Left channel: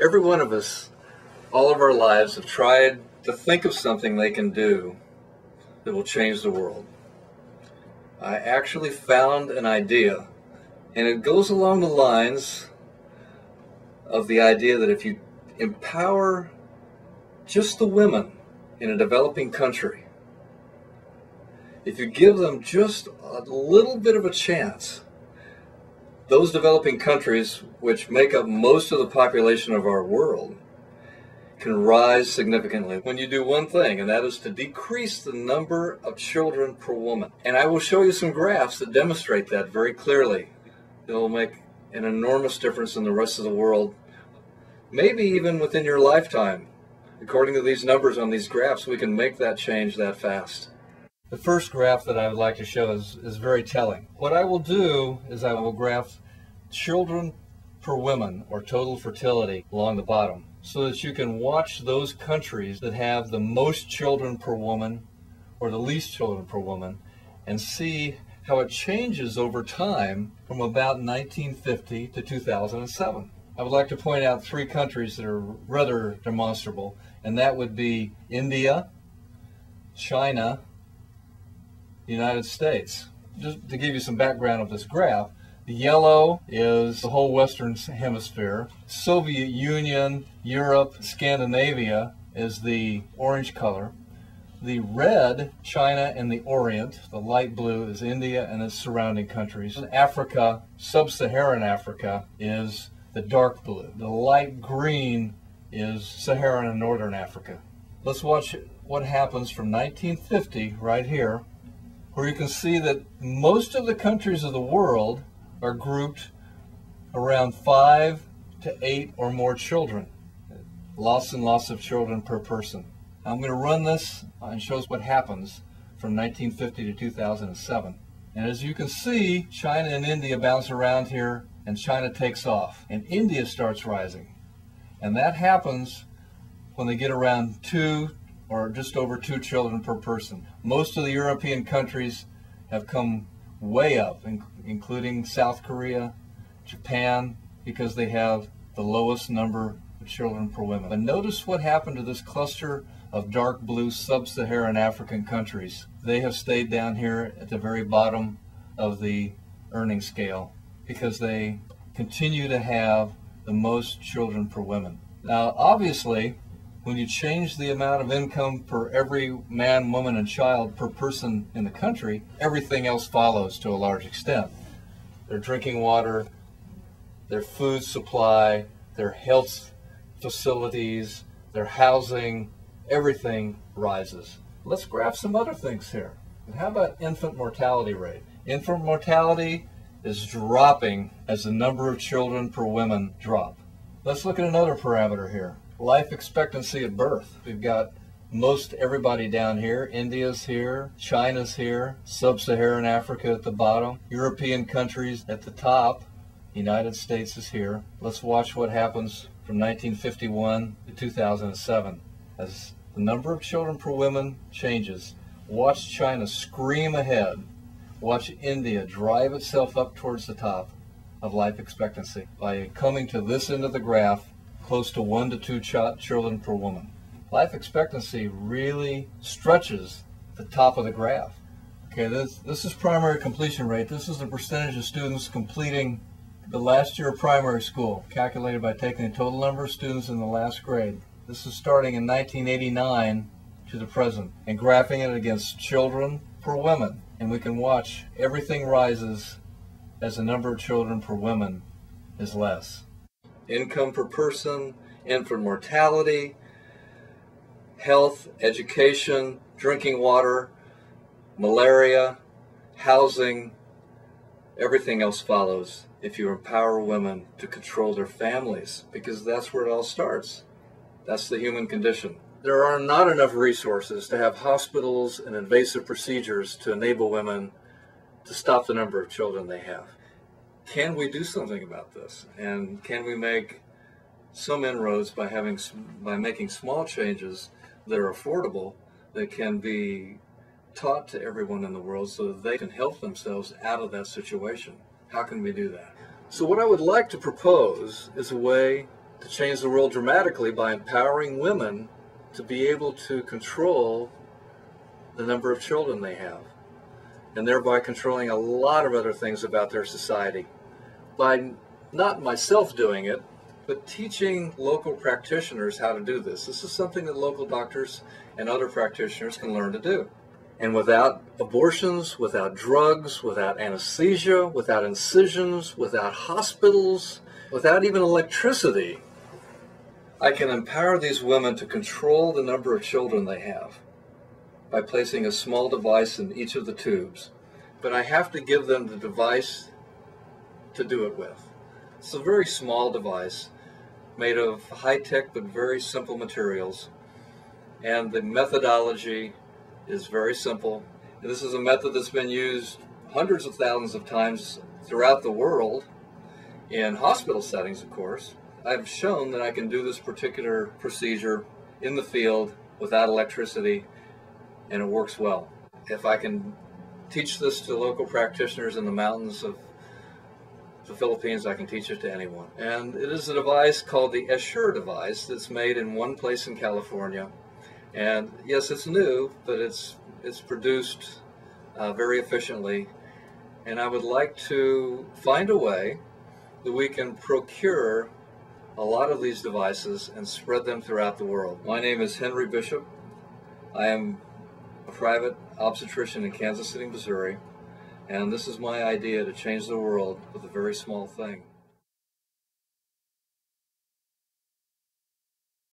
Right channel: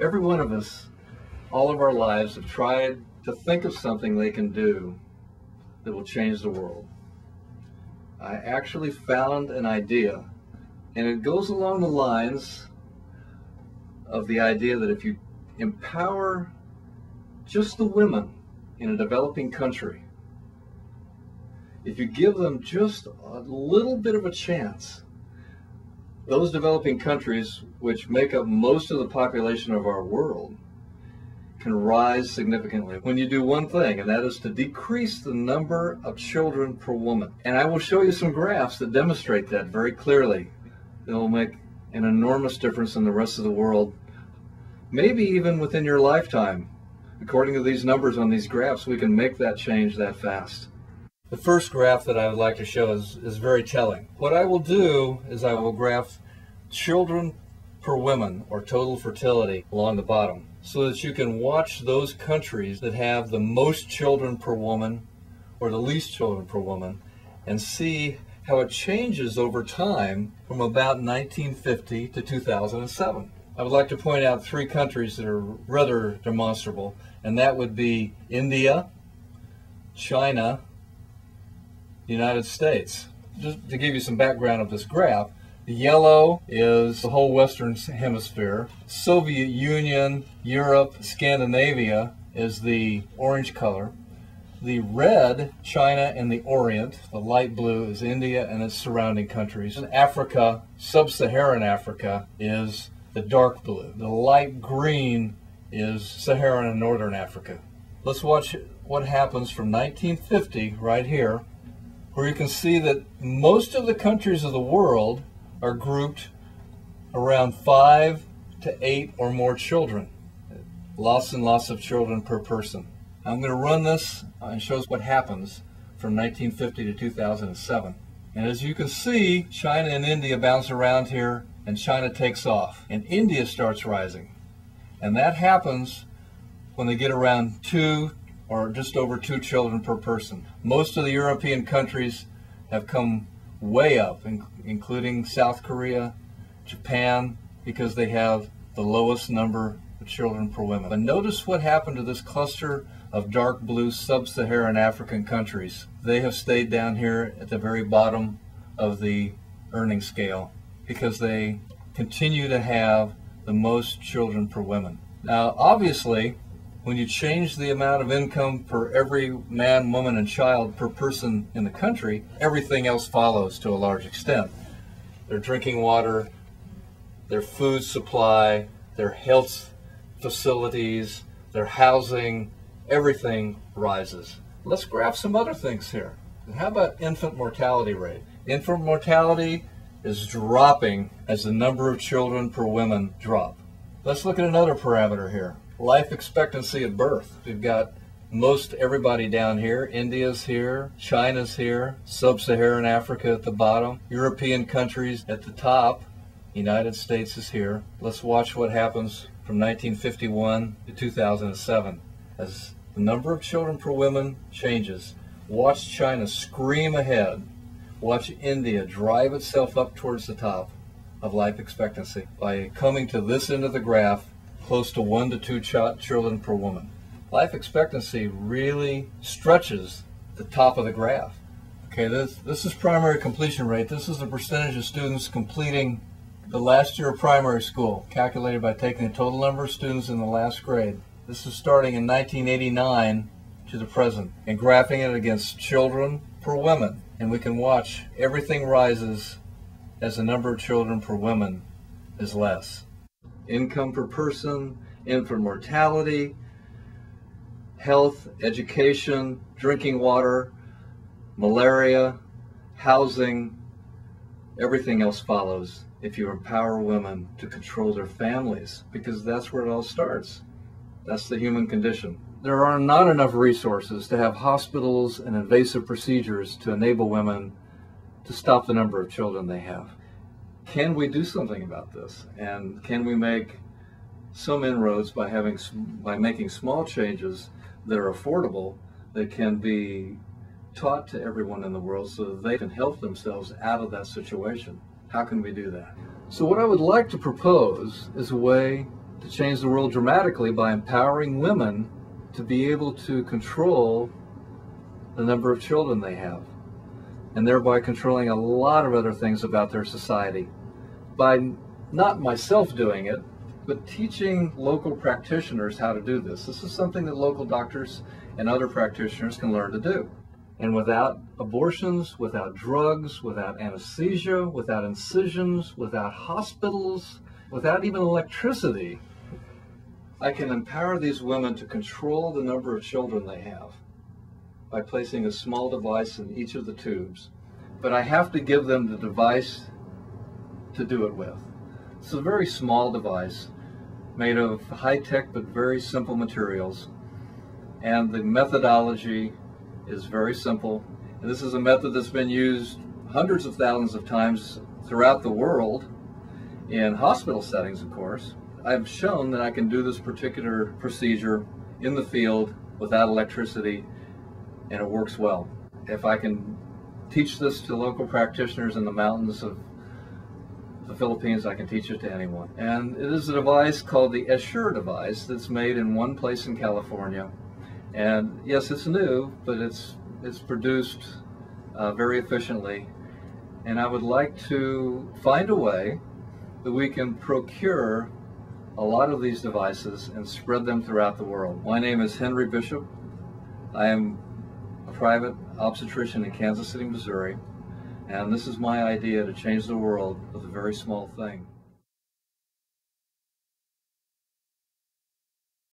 Every one of us, all of our lives, have tried to think of something they can do that will change the world. I actually found an idea, and it goes along the lines of the idea that if you empower just the women in a developing country, if you give them just a little bit of a chance, those developing countries, which make up most of the population of our world, can rise significantly when you do one thing, and that is to decrease the number of children per woman. And I will show you some graphs that demonstrate that very clearly. It will make an enormous difference in the rest of the world, maybe even within your lifetime. According to these numbers on these graphs, we can make that change that fast. The first graph that I would like to show is very telling. What I will do is I will graph children per woman, or total fertility, along the bottom, so that you can watch those countries that have the most children per woman or the least children per woman and see how it changes over time from about 1950 to 2007. I would like to point out three countries that are rather demonstrable, and that would be India, China, the United States. Just to give you some background of this graph, the yellow is the whole Western Hemisphere. Soviet Union, Europe, Scandinavia is the orange color. The red, China and the Orient. The light blue is India and its surrounding countries. And Africa, sub-Saharan Africa, is the dark blue. The light green is Saharan and Northern Africa. Let's watch what happens from 1950 right here, where you can see that most of the countries of the world are grouped around 5 to 8 or more children. Lots and lots of children per person. I'm going to run this and show us what happens from 1950 to 2007. And as you can see, China and India bounce around here, and China takes off, and India starts rising. And that happens when they get around 2 or just over 2 children per person. Most of the European countries have come way up, including South Korea, Japan, because they have the lowest number of children per woman. But notice what happened to this cluster of dark blue sub-Saharan African countries. They have stayed down here at the very bottom of the earning scale because they continue to have the most children per woman. Now, obviously, when you change the amount of income per every man, woman, and child per person in the country, everything else follows to a large extent. Their drinking water, their food supply, their health facilities, their housing, everything rises. Let's graph some other things here. How about infant mortality rate? Infant mortality is dropping as the number of children per woman drop. Let's look at another parameter here. Life expectancy at birth. We've got most everybody down here. India's here, China's here, sub-Saharan Africa at the bottom, European countries at the top, United States is here. Let's watch what happens from 1951 to 2007 as the number of children per woman changes. Watch China scream ahead. Watch India drive itself up towards the top of life expectancy by coming to this end of the graph, close to 1 to 2 children per woman. Life expectancy really stretches the top of the graph. Okay, this is primary completion rate. This is the percentage of students completing the last year of primary school, calculated by taking the total number of students in the last grade. This is starting in 1989 to the present, and graphing it against children per woman. And we can watch everything rises as the number of children per woman is less. Income per person, infant mortality, health, education, drinking water, malaria, housing, everything else follows if you empower women to control their families, because that's where it all starts. That's the human condition. There are not enough resources to have hospitals and invasive procedures to enable women to stop the number of children they have. Can we do something about this? And can we make some inroads by making small changes that are affordable, that can be taught to everyone in the world so that they can help themselves out of that situation? How can we do that? So what I would like to propose is a way to change the world dramatically by empowering women to be able to control the number of children they have, and thereby controlling a lot of other things about their society. By not myself doing it, but teaching local practitioners how to do this. This is something that local doctors and other practitioners can learn to do. And without abortions, without drugs, without anesthesia, without incisions, without hospitals, without even electricity, I can empower these women to control the number of children they have by placing a small device in each of the tubes. But I have to give them the device to do it with. It's a very small device made of high-tech but very simple materials. And the methodology is very simple. And this is a method that's been used hundreds of thousands of times throughout the world in hospital settings, of course. I've shown that I can do this particular procedure in the field without electricity, and it works well. If I can teach this to local practitioners in the mountains of the Philippines, I can teach it to anyone. And it is a device called the Assure device that's made in one place in California. And yes, it's new, but it's produced very efficiently. And I would like to find a way that we can procure a lot of these devices and spread them throughout the world. My name is Henry Bishop. I am a private obstetrician in Kansas City, Missouri, and this is my idea to change the world with a very small thing.